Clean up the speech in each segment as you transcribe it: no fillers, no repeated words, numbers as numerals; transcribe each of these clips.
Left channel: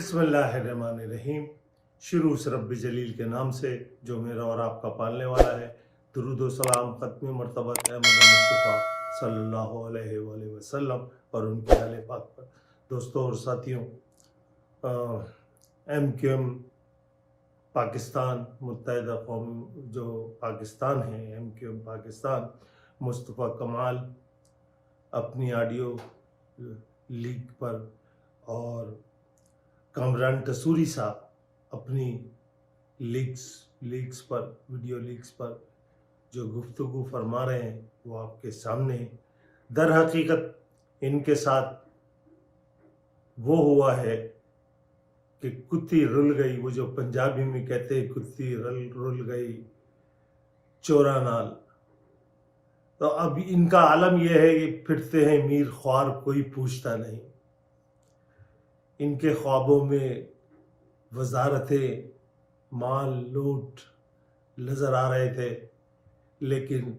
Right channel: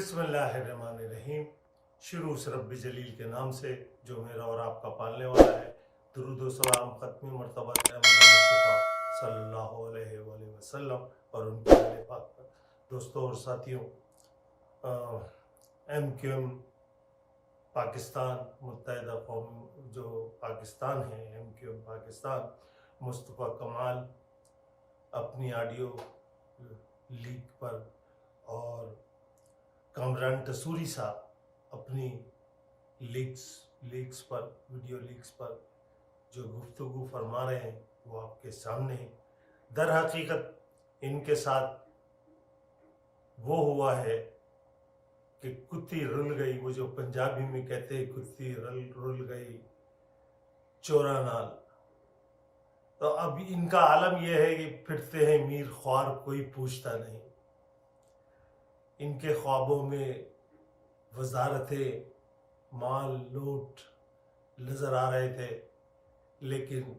बिस्मिल्लाहिर्रहमानिर्रहीम। शुरू से रब्बी जलील के नाम से जो मेरा और आपका पालने वाला है। दुरूद व सलाम ख़त्मी मर्तबत अहमद मुस्तफ़ा सल्लल्लाहु अलैहि वसल्लम और उनके आले पाक पर। दोस्तों और साथियों, MQM पाकिस्तान मुत्तहिदा कौम जो पाकिस्तान है, MQM पाकिस्तान, मुस्तफ़ा कमाल अपनी ऑडियो लीक पर और कामरान टसूरी साहब अपनी लीक्स पर, वीडियो लीक्स पर जो गुफ्तगू फरमा रहे हैं वो आपके सामने है। दर हकीकत इनके साथ वो हुआ है कि कुत्ती रुल गई, वो जो पंजाबी में कहते हैं कुत्ती रुल गई चोरा नाल। तो अब इनका आलम यह है कि फिरते हैं मीर ख्वार कोई पूछता नहीं। इनके ख्वाबों में वजारतें, माल, लूट नजर आ रहे थे, लेकिन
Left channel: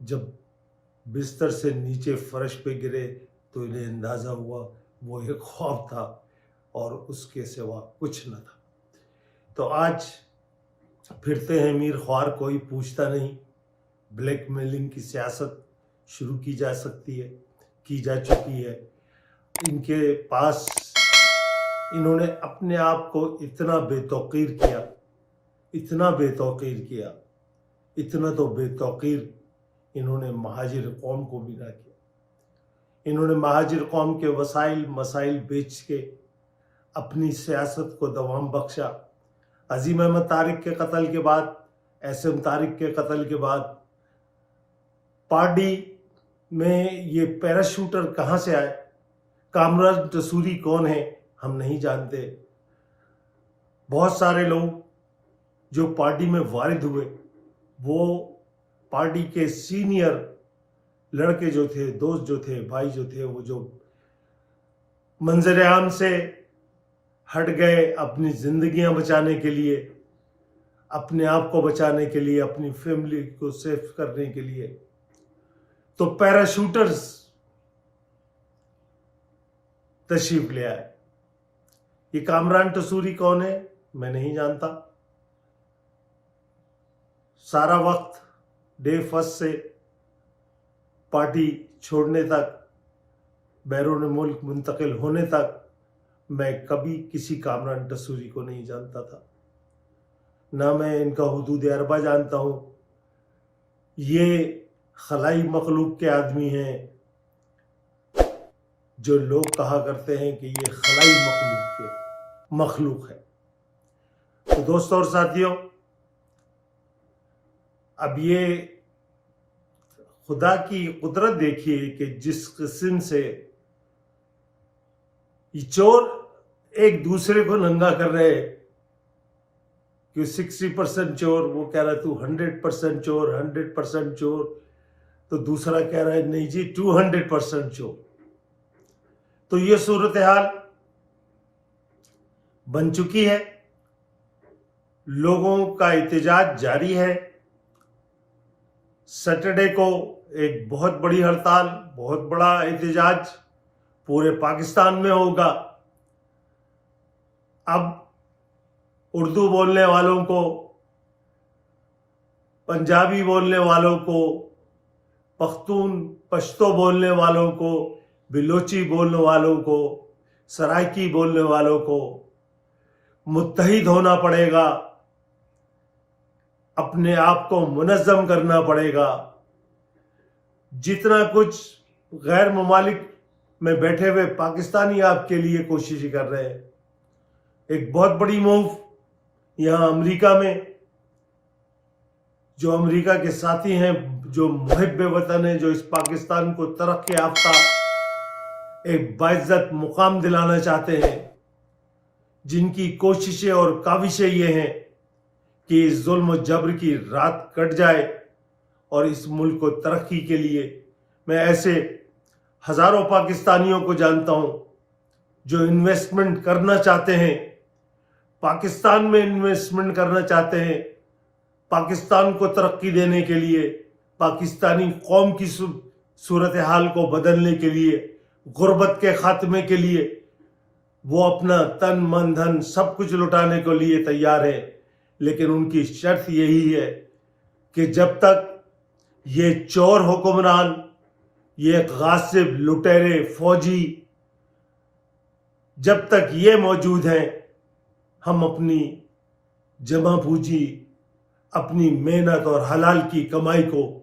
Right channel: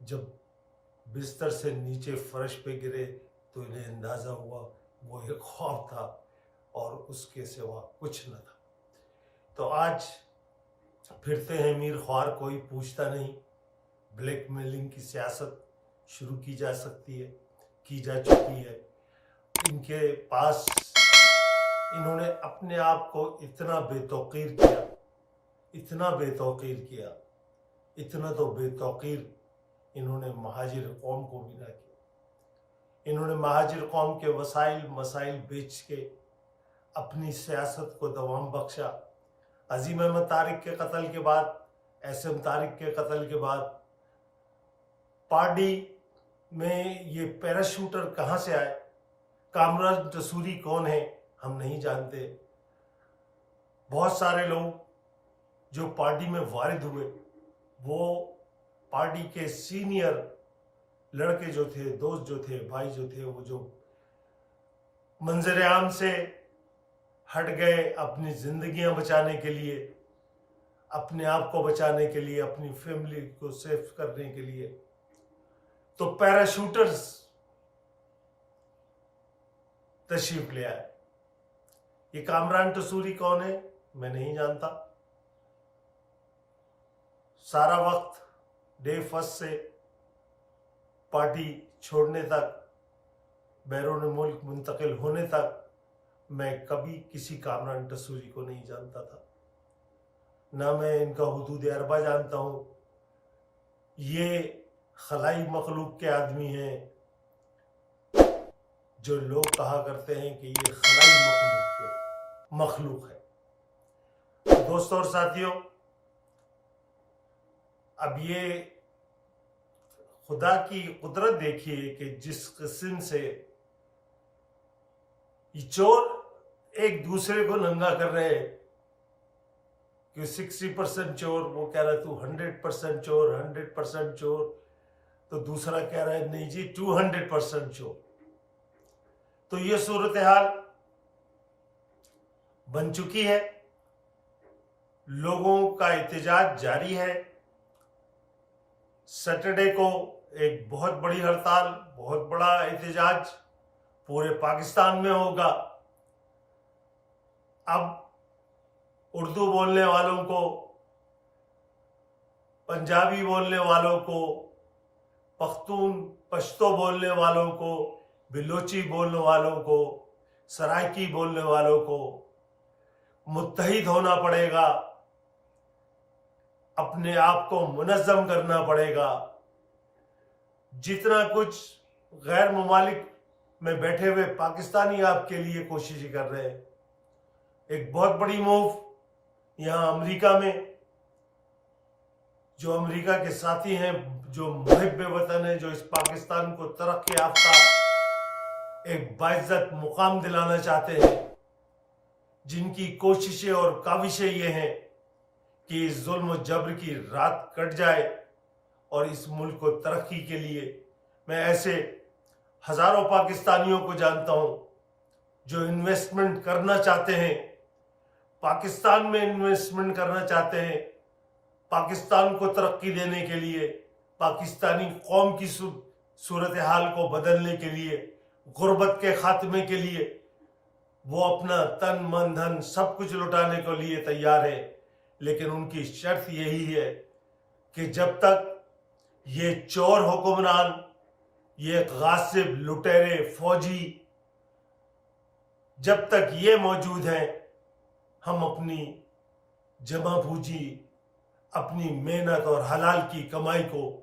जब बिस्तर से नीचे फर्श पे गिरे तो इन्हें अंदाज़ा हुआ वो एक ख्वाब था और उसके सिवा कुछ न था। तो आज फिरते हैं मीर ख्वार कोई पूछता नहीं। ब्लैक मेलिंग की सियासत शुरू की जा सकती है, की जा चुकी है। इनके पास इन्होंने अपने आप को इतना बेतौकीर किया, इतना बेतौकीर किया, इतना तो बेतौकीर इन्होंने महाजिर कौम को भी ना किया। इन्होंने महाजिर कौम के वसाइल मसाइल बेच के अपनी सियासत को दवाम बख्शा। अजीम अहमद तारिक के कत्ल के बाद, एसएम तारिक के कत्ल के बाद पार्टी में ये पैराशूटर कहाँ से आए? कामरान टसूरी कौन है हम नहीं जानते। बहुत सारे लोग जो पार्टी में वारिद हुए वो पार्टी के सीनियर लड़के जो थे, दोस्त जो थे, भाई जो थे, वो जो मंजर आम से हट गए अपनी जिंदगियां बचाने के लिए, अपने आप को बचाने के लिए, अपनी फैमिली को सेफ करने के लिए। तो पैराशूटर्स तशरीफ ले आए। ये कामरान टसूरी कौन है मैं नहीं जानता। सारा वक्त डे फर्स्ट से पार्टी छोड़ने तक, बैरून मुल्क मुंतकिल होने तक मैं कभी किसी कामरान टसूरी को नहीं जानता था, ना मैं इनका हुदूद अरबा जानता हूँ। ये खलाई मखलूक के आदमी हैं जो लोग कहा करते हैं कि ये खलाई मखलूक है। तो दोस्तों और साथियों, अब ये खुदा की कुदरत देखिए कि जिस किस्म से ये चोर एक दूसरे को नंगा कर रहे हैं कि 60% चोर, वो कह रहा है तू 100% चोर, 100% चोर, तो दूसरा कह रहा है नहीं जी 200% चोर। तो ये सूरत हाल बन चुकी है। लोगों का एहतजाज जारी है। सैटरडे को एक बहुत बड़ी हड़ताल, बहुत बड़ा एहतजाज पूरे पाकिस्तान में होगा। अब उर्दू बोलने वालों को, पंजाबी बोलने वालों को, पख्तून पश्तो बोलने वालों को, बिलोची बोलने वालों को, सराइकी बोलने वालों को मुत्तहिद होना पड़ेगा, अपने आप को मुनज़्ज़म करना पड़ेगा। जितना कुछ गैर ममालिक में बैठे हुए पाकिस्तानी आपके लिए कोशिश कर रहे हैं, एक बहुत बड़ी मूव यहाँ अमेरिका में, जो अमेरिका के साथी हैं, जो मुहिब वतन है, जो इस पाकिस्तान को तरक्की याफ्ता एक बाइज्जत मुकाम दिलाना चाहते हैं, जिनकी कोशिशें और काविशें ये हैं कि इस जुल्म जबर की रात कट जाए और इस मुल्क को तरक्की के लिए। मैं ऐसे हजारों पाकिस्तानियों को जानता हूं जो इन्वेस्टमेंट करना चाहते हैं, पाकिस्तान में इन्वेस्टमेंट करना चाहते हैं, पाकिस्तान को तरक्की देने के लिए, पाकिस्तानी कौम की सूरत हाल को बदलने के लिए, गुर्बत के खात्मे के लिए, وہ اپنا تن من دھن سب کچھ لٹانے کو لیے تیار ہے، لیکن ان کی شرط یہی ہے کہ جب تک یہ چور حکمران، یہ غاصب لٹیرے فوجی جب تک یہ موجود ہیں، ہم اپنی جمع پوجی، اپنی محنت اور حلال کی کمائی کو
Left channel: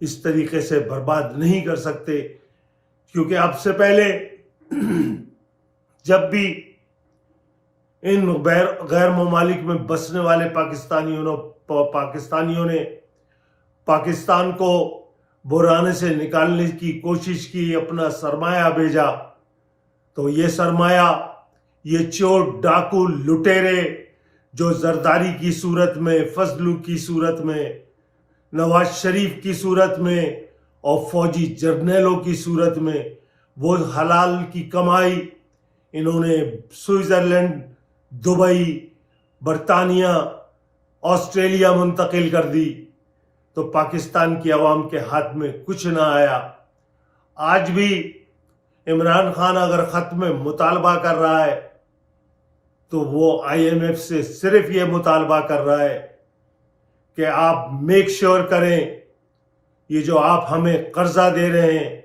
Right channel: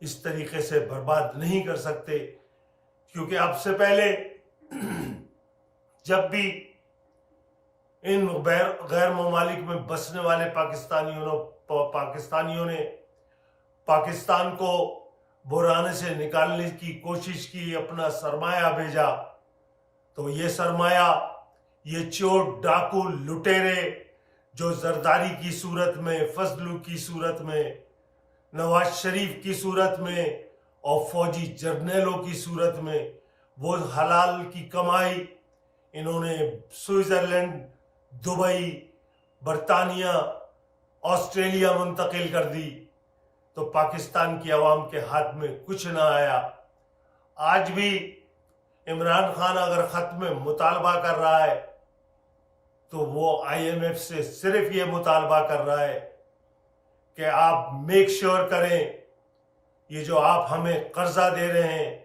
اس طریقے سے برباد نہیں کر سکتے، کیونکہ اب سے پہلے جب بھی ان غیر ممالک میں بسنے والے پاکستانیوں نے پاکستان کو بحرانے سے نکالنے کی کوشش کی، اپنا سرمایہ بھیجا، تو یہ سرمایہ یہ چور ڈاکو لٹیرے جو زرداری کی صورت میں، فضلو کی صورت میں، نواز شریف کی صورت میں اور فوجی جرنیلوں کی صورت میں، وہ حلال کی کمائی انہوں نے سوئٹزرلینڈ، دبئی، برطانیہ، آسٹریلیا منتقل کر دی، تو پاکستان کی عوام کے ہاتھ میں کچھ نہ آیا۔ آج بھی عمران خان اگر خط میں مطالبہ کر رہا ہے تو وہ IMF سے صرف یہ مطالبہ کر رہا ہے کہ آپ میک شور کریں یہ جو آپ ہمیں قرضہ دے رہے ہیں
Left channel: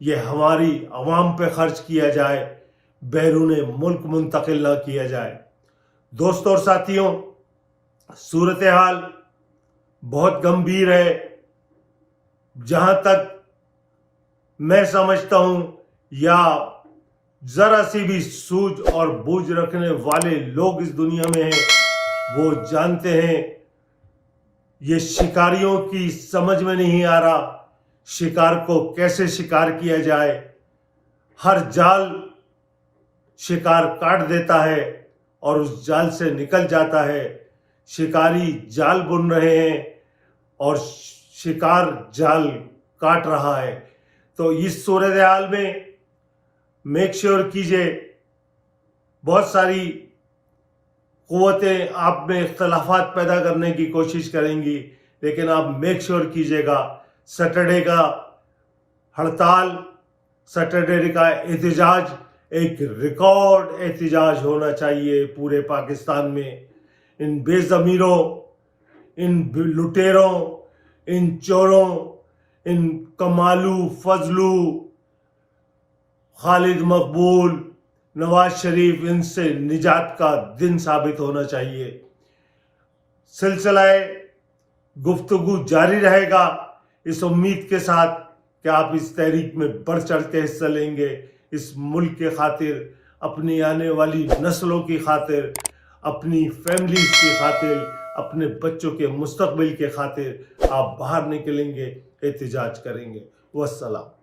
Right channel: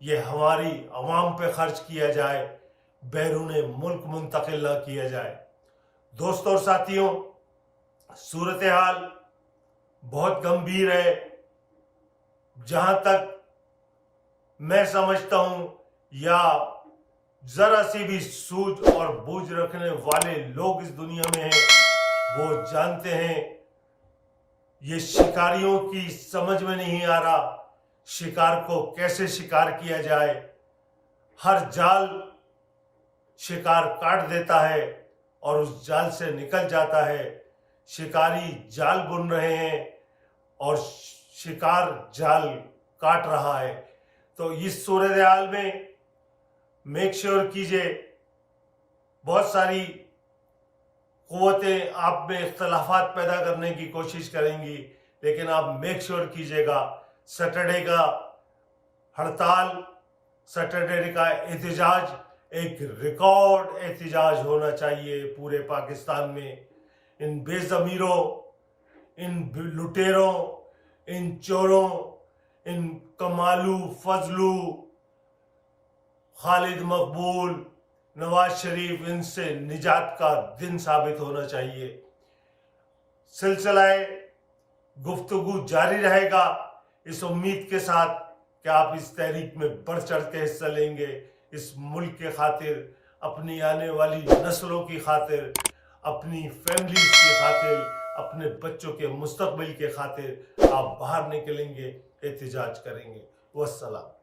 یہ ہماری عوام پہ خرچ کیا جائے، بیرون ملک منتقل نہ کیا جائے۔ دوستوں اور ساتھیوں، صورتحال بہت گمبھیر ہے۔ جہاں تک میں سمجھتا ہوں یا ذرا سی بھی سوجھ اور بوجھ رکھنے والے لوگ اس دنیا میں ہیں وہ جانتے ہیں یہ شکاریوں کی سمجھ میں نہیں آ رہا شکار کو کیسے شکار کیا جائے۔ ہر جال شکار کاٹ دیتا ہے اور اس جال سے نکل جاتا ہے۔ شکاری جال بن رہے ہیں اور شکار جال کاٹ رہا ہے۔ تو اس صورتحال میں میک شور کیجئے، بہت ساری قوتیں آپ میں اختلافات پیدا کرنے کی کوشش کریں گی، لیکن آپ میک شور کیجئے گا سیٹرڈے کا ہڑتال، سیٹرڈے کا احتجاج ایک ریکارڈ احتجاج ہونا چاہیے پورے پاکستان میں۔ ان بے ضمیروں، ان لٹیروں، ان چوروں، ان کمالو، فضلو، خالد مقبول، نواز شریف، ان سے نجات کا دن ثابت ہونا چاہیے۔ سلسلہ گفتگو جاری رہے گا اس امید کے ساتھ کہ آپ اس تحریک میں بڑھ چڑھ کے حصہ لیں گے، اس ملک کے خاطر، اپنی آنے والی نسلوں کی خاطر، اپنی فیملیز کی خاطر، اپنے بچوں کے مستقبل کے خاطر آپ باہر نکلیں گے، احتجاج کریں گے۔ والسلام۔